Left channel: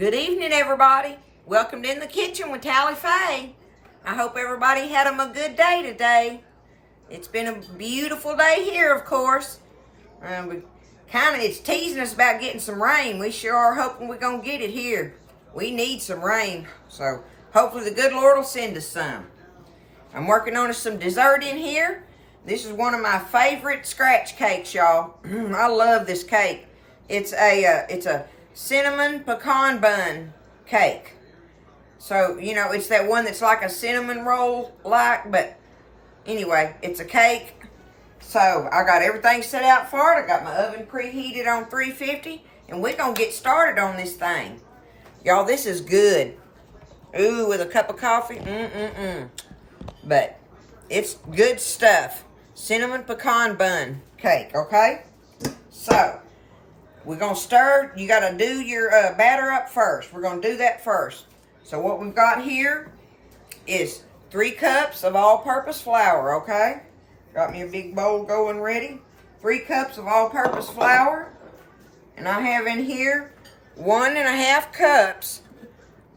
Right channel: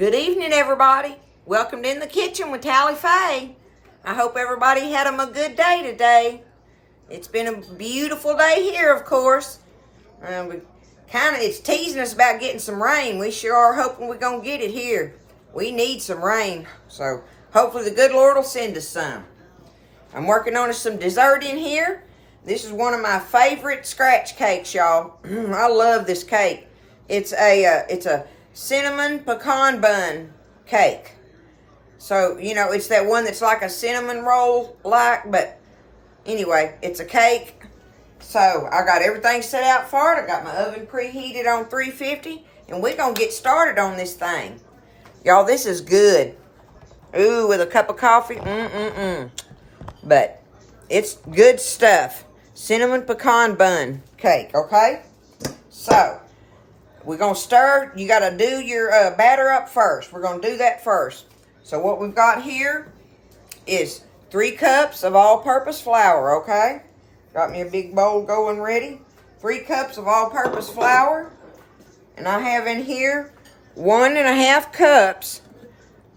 Good evening, everybody. Welcome to In the Kitchen with Tally Faye. I hope everybody had a good day today. It's been a beautiful day here, of course. It's teasing us about getting some rain. We sure are hoping we're going to get it here. We need some rain, so hopefully the good Lord will send us some. I'm working on some dessert in here. This is one of my favorite scratch cakes, y'all. I love this cake. It's a cinnamon pecan bun cake. So, you know, it's that one that's like a cinnamon roll but anyway, it's a cake. So, I got everything set out for it. I got my oven preheated on 350, and we're going to get started on this thing. Y'all, this is good. Ooh, with a cup of coffee. But it's good stuff. Cinnamon pecan bun cake, okay? So, we're going to stir. You got to do your batter up first. We're going to do that first. So, what we've got here is 3 cups of all-purpose flour, okay? Got me a big bowl going ready. 3 cups of all-purpose flour. And I have in here 1.5 cups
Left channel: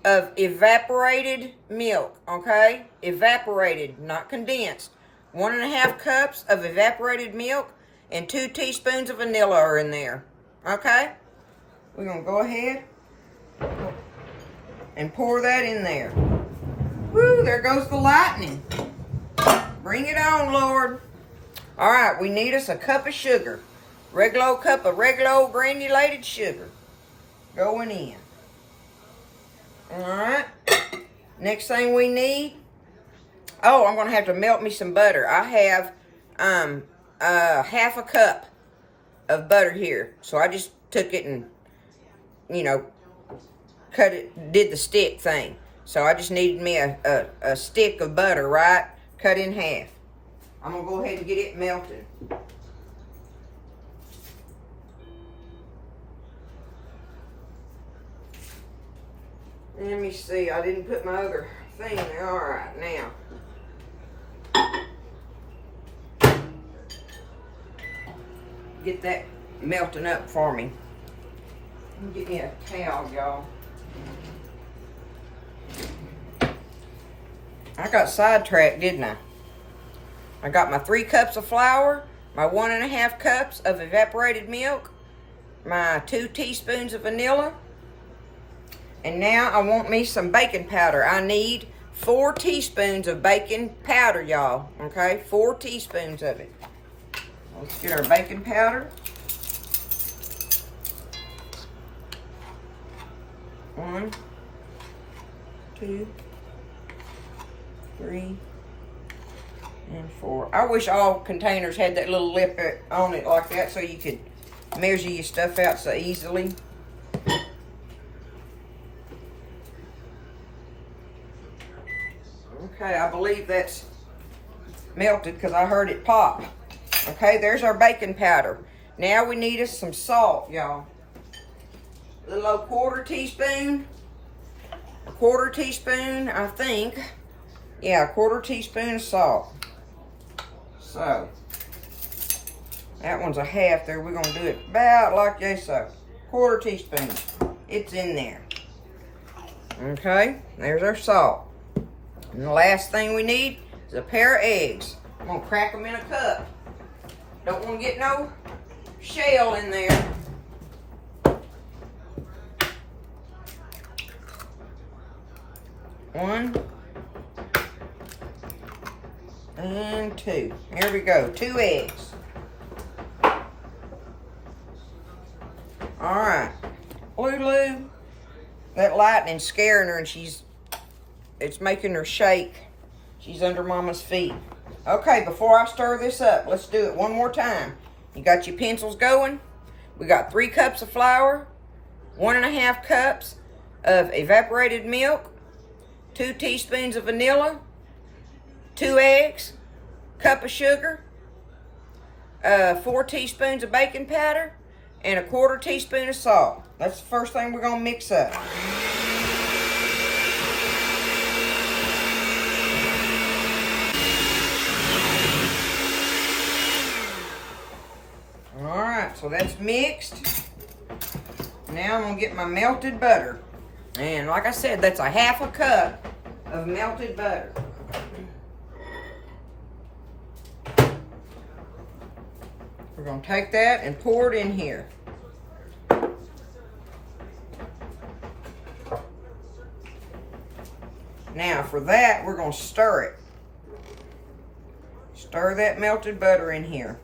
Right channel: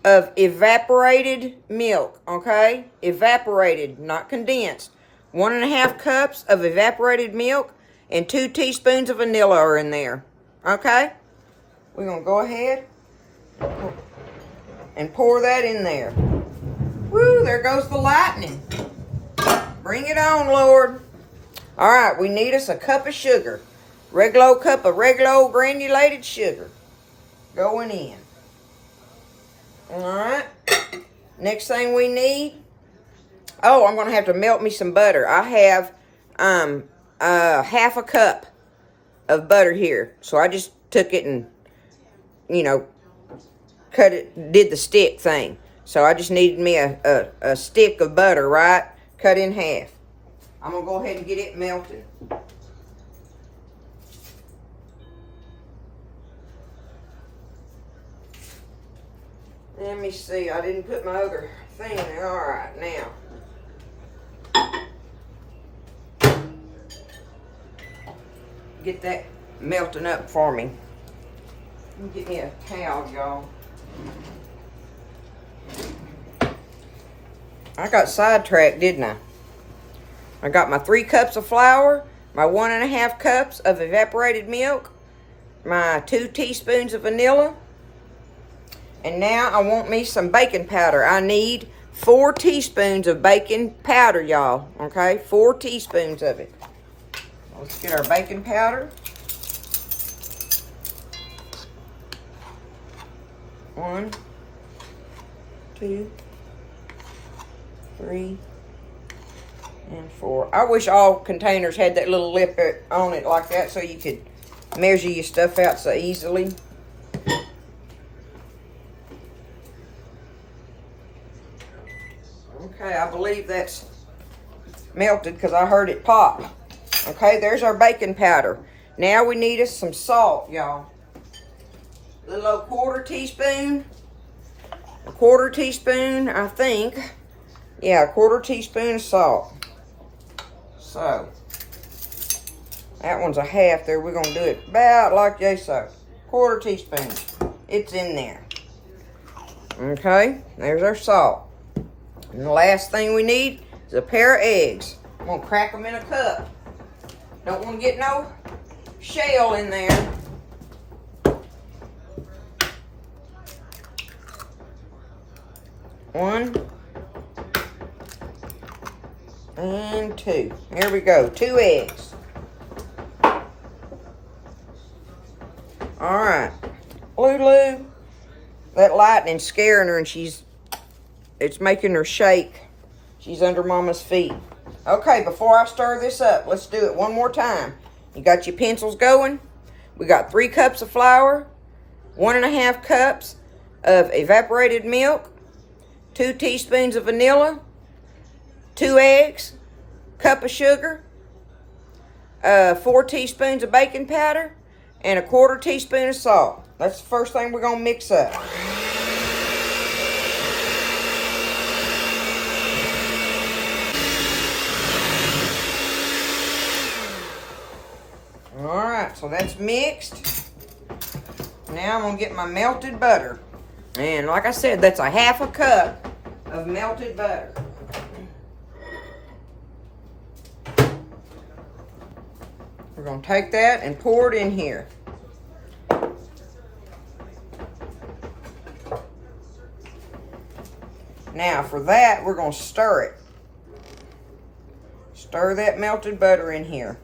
of evaporated milk, okay? Evaporated, not condensed. 1.5 cups of evaporated milk and 2 teaspoons of vanilla are in there, okay? We're going to go ahead and pour that in there. Woo, there goes the lightning. Bring it on, Lord. All right, we need us a cup of sugar. Regular cup of regular granulated sugar going in. All right. Next thing we need. Oh, I'm going to have to melt me some butter. I have half a cup of butter here. So I just took it and, you know, cut it, did the stick thing. So I just needed me a stick of butter, right? Cut in half. I'm going to go ahead and get it melted. Let me see. I didn't put my other thing there. All right, now. Get that melting up for me. Get me a towel, y'all. I got sidetracked, didn't I? I got my 3 cups of flour, my 1.5 cups of evaporated milk, my 2 teaspoons of vanilla, and now I want me some baking powder. I need 4 teaspoons of baking powder, y'all, okay? 4 teaspoons of it. Let's get our baking powder. 1, 2, 3, and 4. I wish all containers had that little lip on it like that so you could measure your stuff out so easily. Okay, I believe that's melted because I heard it pop. Okay, there's our baking powder. Now we need us some salt, y'all. A little old 1/4 teaspoon. A 1/4 teaspoon, I think. Yeah, a 1/4 teaspoon of salt. So, that one's a half there. We're going to do it about like this, so 1/4 teaspoon. It's in there. Okay, there's our salt. And the last thing we need is a pair of eggs. I'm going to crack them in a cup. Don't want to get no shell in there. One and 2. Here we go. 2 eggs. All right. Lulu, that lightning's scaring her and it's making her shake. She's under Mama's feet. Okay, before I stir this up, let's do it one more time. You got your pencils going? We got 3 cups of flour, 1.5 cups of evaporated milk, 2 teaspoons of vanilla, 2 eggs, cup of sugar, 4 teaspoons of baking powder, and a 1/4 teaspoon of salt. That's the first thing we're going to mix up. Alright, so that's mixed. Now I'm going to get my melted butter. And like I said, that's a 1/2 cup of melted butter. We're going to take that and pour it in here. Now for that, we're going to stir it. Stir that melted butter in here.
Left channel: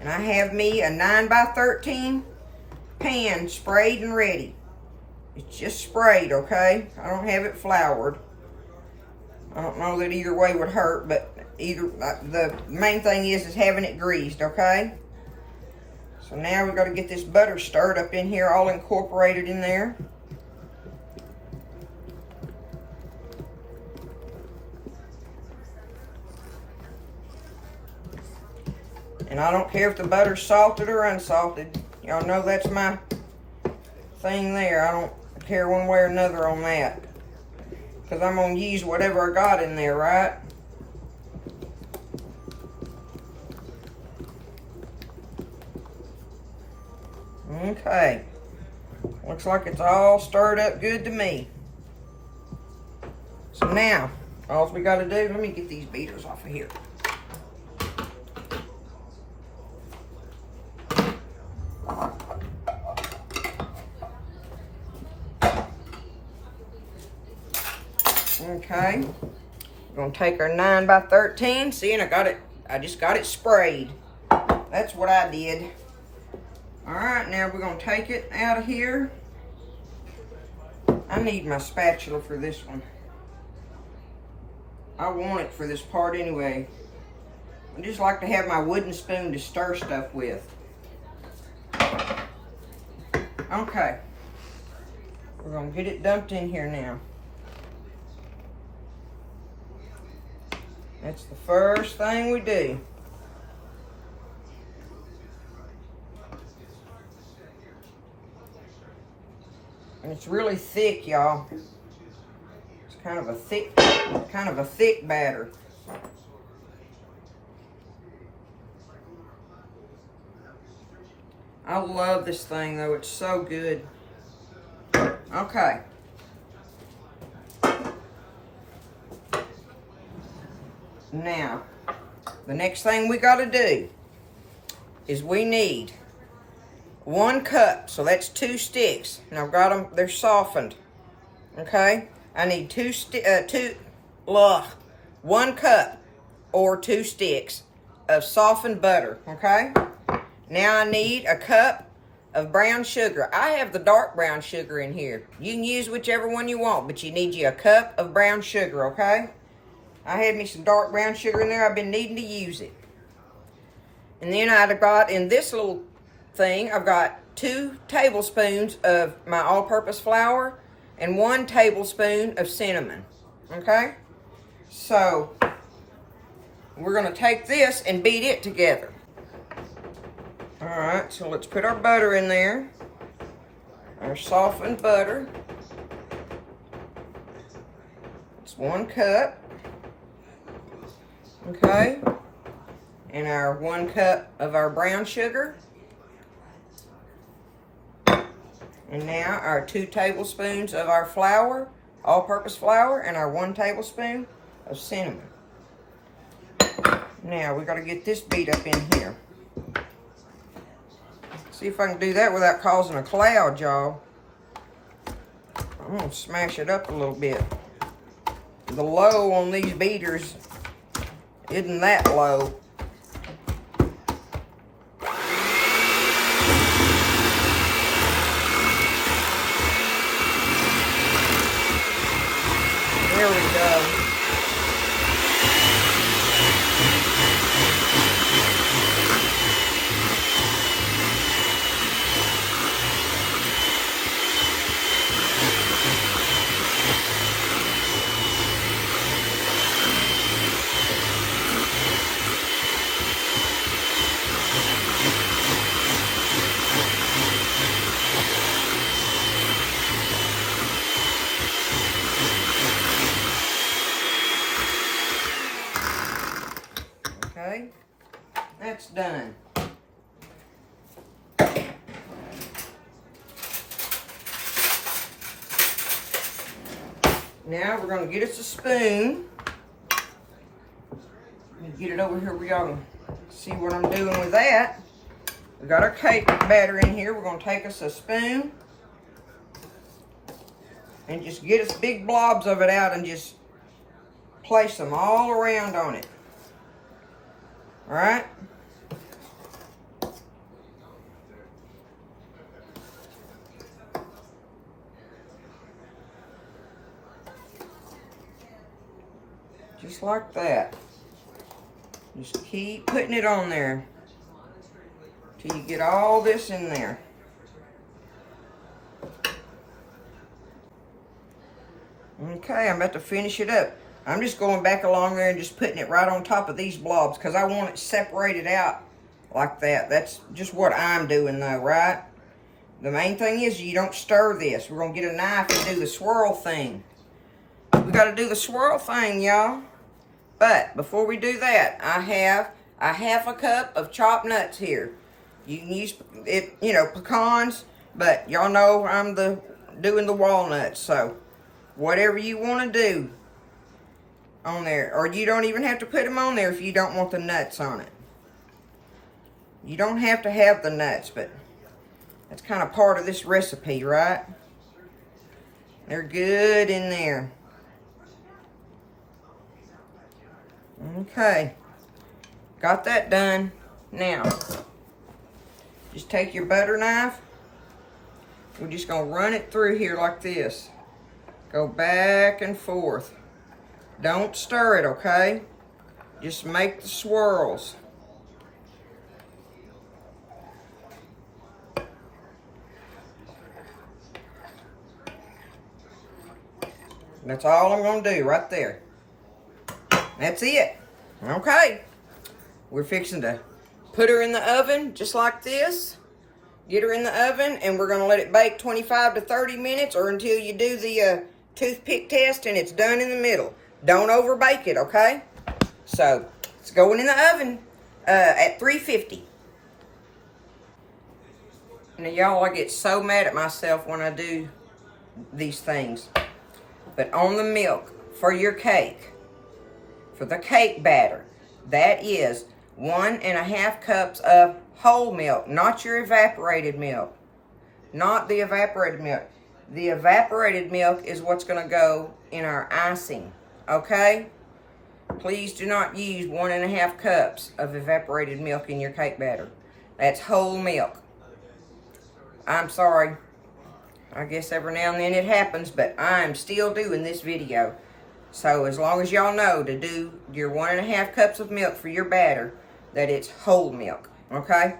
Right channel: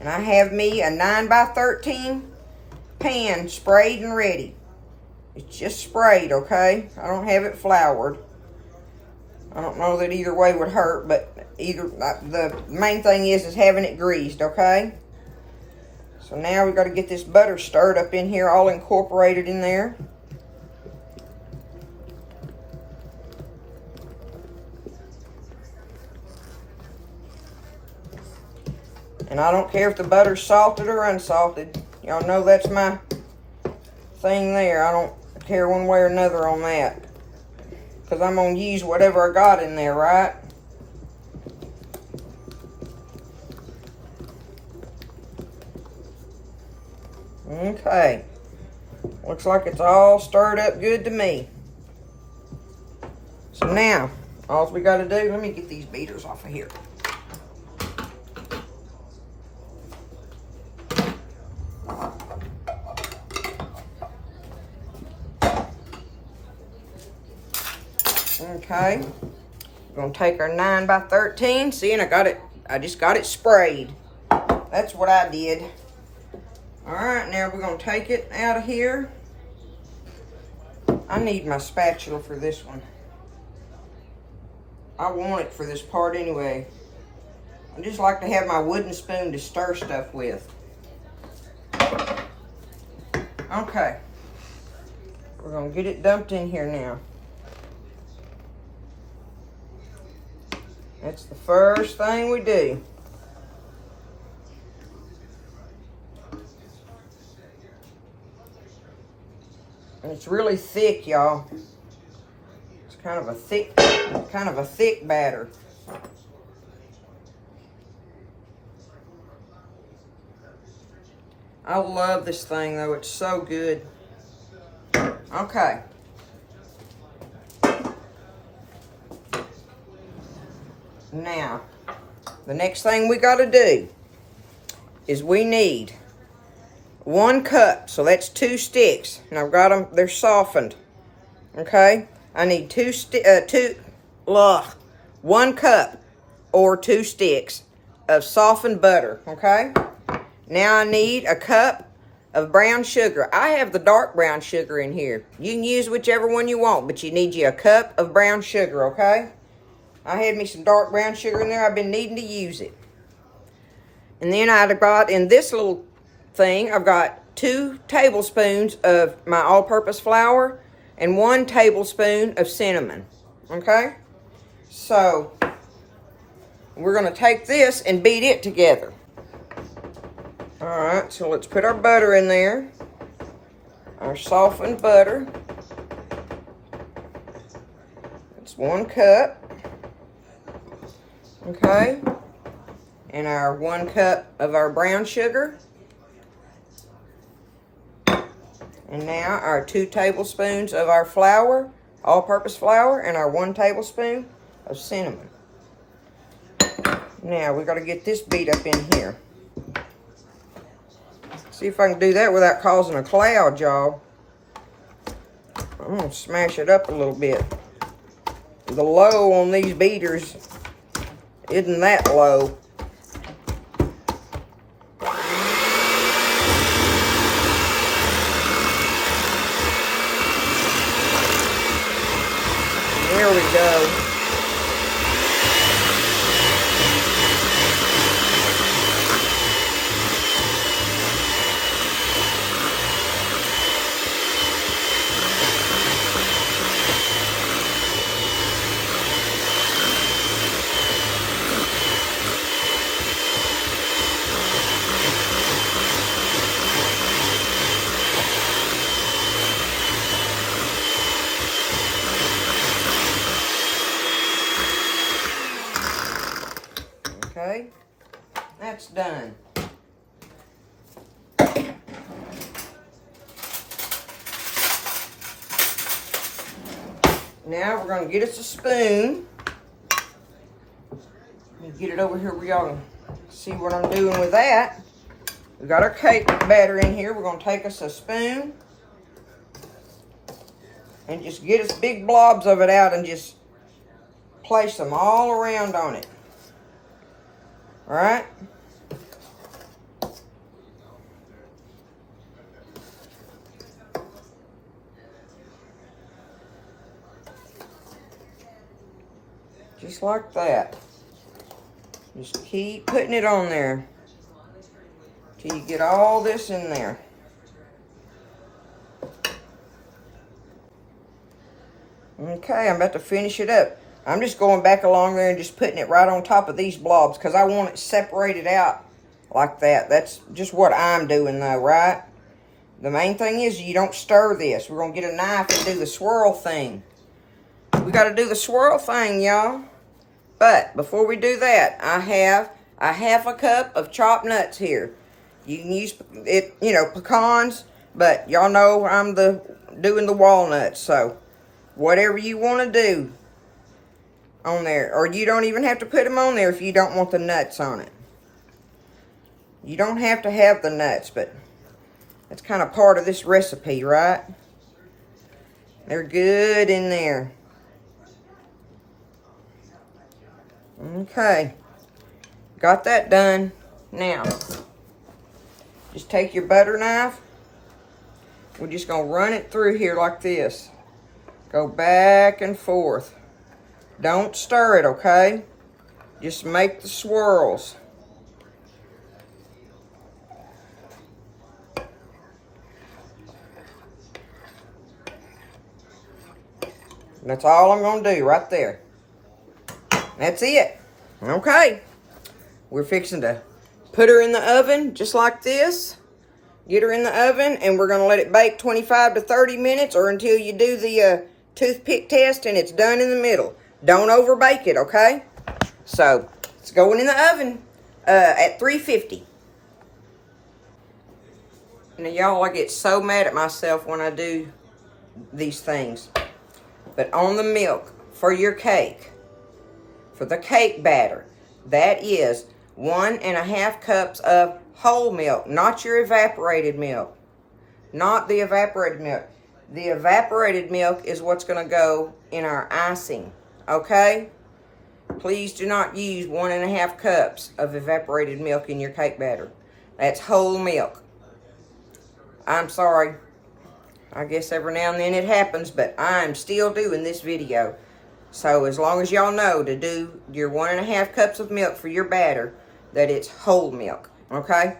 And I have me a 9x13 pan sprayed and ready. It's just sprayed, okay? I don't have it floured. I don't know that either way would hurt, but the main thing is having it greased, okay? So now we've got to get this butter stirred up in here, all incorporated in there. And I don't care if the butter's salted or unsalted. Y'all know that's my thing there. I don't care one way or another on that. Because I'm going to use whatever I got in there, right? Okay. Looks like it's all stirred up good to me. So now, all we got to do, let me get these beaters off of here. Okay, we're gonna take our 9x13. See, and I just got it sprayed. That's what I did. All right, now we're gonna take it out of here. I need my spatula for this one. I want it for this part anyway. I just like to have my wooden spoon to stir stuff with. Okay, we're gonna get it dumped in here now. That's the first thing we do. And it's really thick, y'all. It's kind of a thick batter. I love this thing though, it's so good. Okay. Now, the next thing we got to do is we need 1 cup. So that's 2 sticks. And I've got them, they're softened. Okay? I need 1 cup or 2 sticks of softened butter. Okay? Now I need a cup of brown sugar. I have the dark brown sugar in here. You can use whichever one you want, but you need you a cup of brown sugar, okay? I had me some dark brown sugar in there. I've been needing to use it. And then I've got in this little thing, I've got 2 tablespoons of my all-purpose flour and 1 tablespoon of cinnamon. Okay? So, we're going to take this and beat it together. Alright, so let's put our butter in there. Our softened butter. It's 1 cup. Okay, and our 1 cup of our brown sugar. And now our 2 tablespoons of our flour, all-purpose flour, and our 1 tablespoon of cinnamon. Now we got to get this beat up in here. See if I can do that without causing a cloud, y'all. I'm going to smash it up a little bit. The low on these beaters isn't that low. There we go. Okay, that's done. Now we're going to get us a spoon. Get it over here where y'all can see what I'm doing with that. We got our cake batter in here. We're going to take us a spoon and just get us big blobs of it out and just place them all around on it. All right? Just like that. Just keep putting it on there till you get all this in there. Okay, I'm about to finish it up. I'm just going back along there and just putting it right on top of these blobs because I want it separated out like that. That's just what I'm doing though, right? The main thing is you don't stir this. We're going to get a knife and do the swirl thing. We got to do the swirl thing, y'all. But before we do that, I have a half a cup of chopped nuts here. You can use it, you know, pecans, but y'all know I'm doing the walnuts. So whatever you want to do on there, or you don't even have to put them on there if you don't want the nuts on it. You don't have to have the nuts, but that's kind of part of this recipe, right? They're good in there. Okay, got that done. Now, just take your butter knife. We're just going to run it through here like this. Go back and forth. Don't stir it, okay? Just make the swirls. That's all I'm going to do right there. That's it. Okay. We're fixing to put her in the oven just like this. Get her in the oven and we're going to let it bake 25 to 30 minutes or until you do the toothpick test and it's done in the middle. Don't overbake it, okay? So, it's going in the oven at 350. Now, y'all, I get so mad at myself when I do these things. But on the milk for your cake, for the cake batter, that is 1.5 cups of whole milk, not your evaporated milk. Not the evaporated milk. The evaporated milk is what's going to go in our icing, okay? Please do not use 1.5 cups of evaporated milk in your cake batter. That's whole milk. I'm sorry. I guess every now and then it happens, but I'm still doing this video. So as long as y'all know to do your 1.5 cups of milk for your batter, that it's whole milk, okay?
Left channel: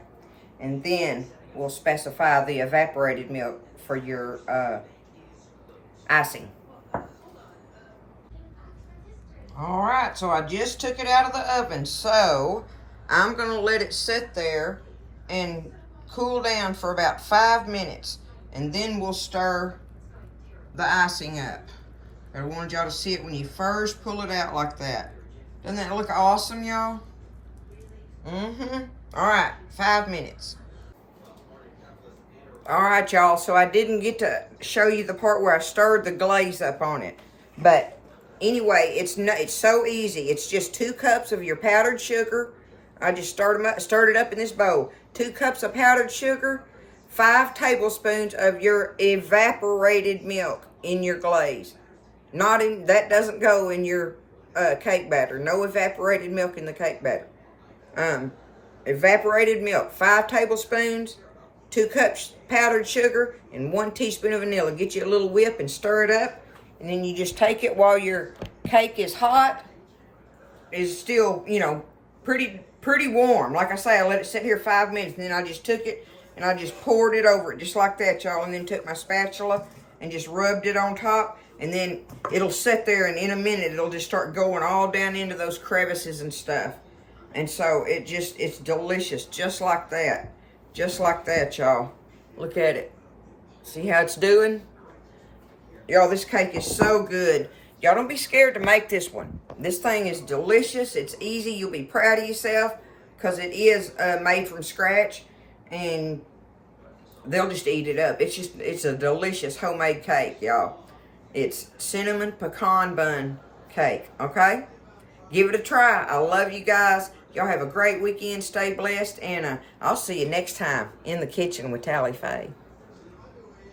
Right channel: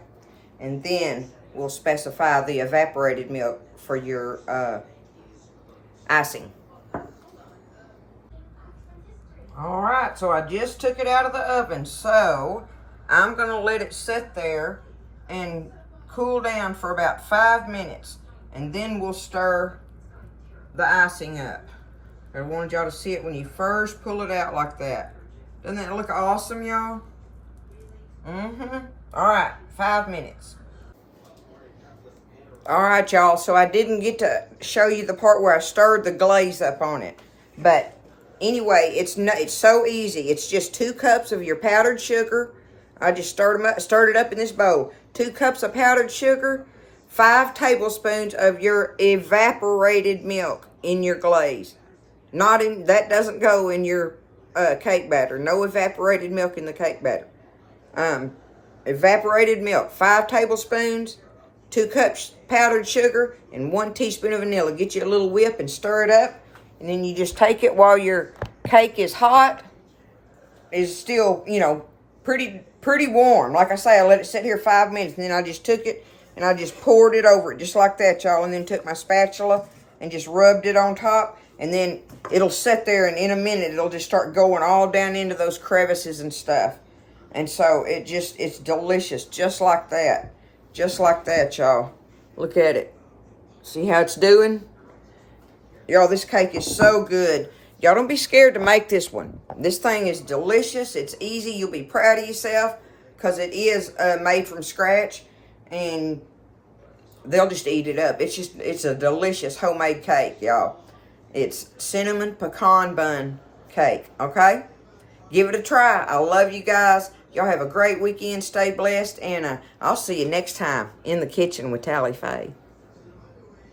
And then we'll specify the evaporated milk for your icing. All right, so I just took it out of the oven. So I'm gonna let it sit there and cool down for about 5 minutes. And then we'll stir the icing up. I wanted y'all to see it when you first pull it out like that. Doesn't that look awesome, y'all? All right, 5 minutes. All right, y'all, so I didn't get to show you the part where I stirred the glaze up on it. But anyway, it's so easy. It's just 2 cups of your powdered sugar. I just stirred it up in this bowl. 2 cups of powdered sugar, 5 tablespoons of your evaporated milk in your glaze. That doesn't go in your cake batter. No evaporated milk in the cake batter. Evaporated milk, 5 tablespoons, 2 cups powdered sugar, and 1 teaspoon of vanilla. Get you a little whip and stir it up. And then you just take it while your cake is hot. It's still, you know, pretty warm. Like I say, I let it sit here 5 minutes, and then I just took it and I just poured it over it just like that, y'all. And then took my spatula and just rubbed it on top. And then it'll sit there, and in a minute, it'll just start going all down into those crevices and stuff. And so it's delicious, just like that. Just like that, y'all. Look at it. See how it's doing? Y'all, this cake is so good. Y'all don't be scared to make this one. This thing is delicious. It's easy. You'll be proud of yourself because it is made from scratch. And they'll just eat it up. It's a delicious homemade cake, y'all. It's cinnamon pecan bun cake, okay? Give it a try. I love you guys. Y'all have a great weekend. Stay blessed, and I'll see you next time in the kitchen with Tally Faye.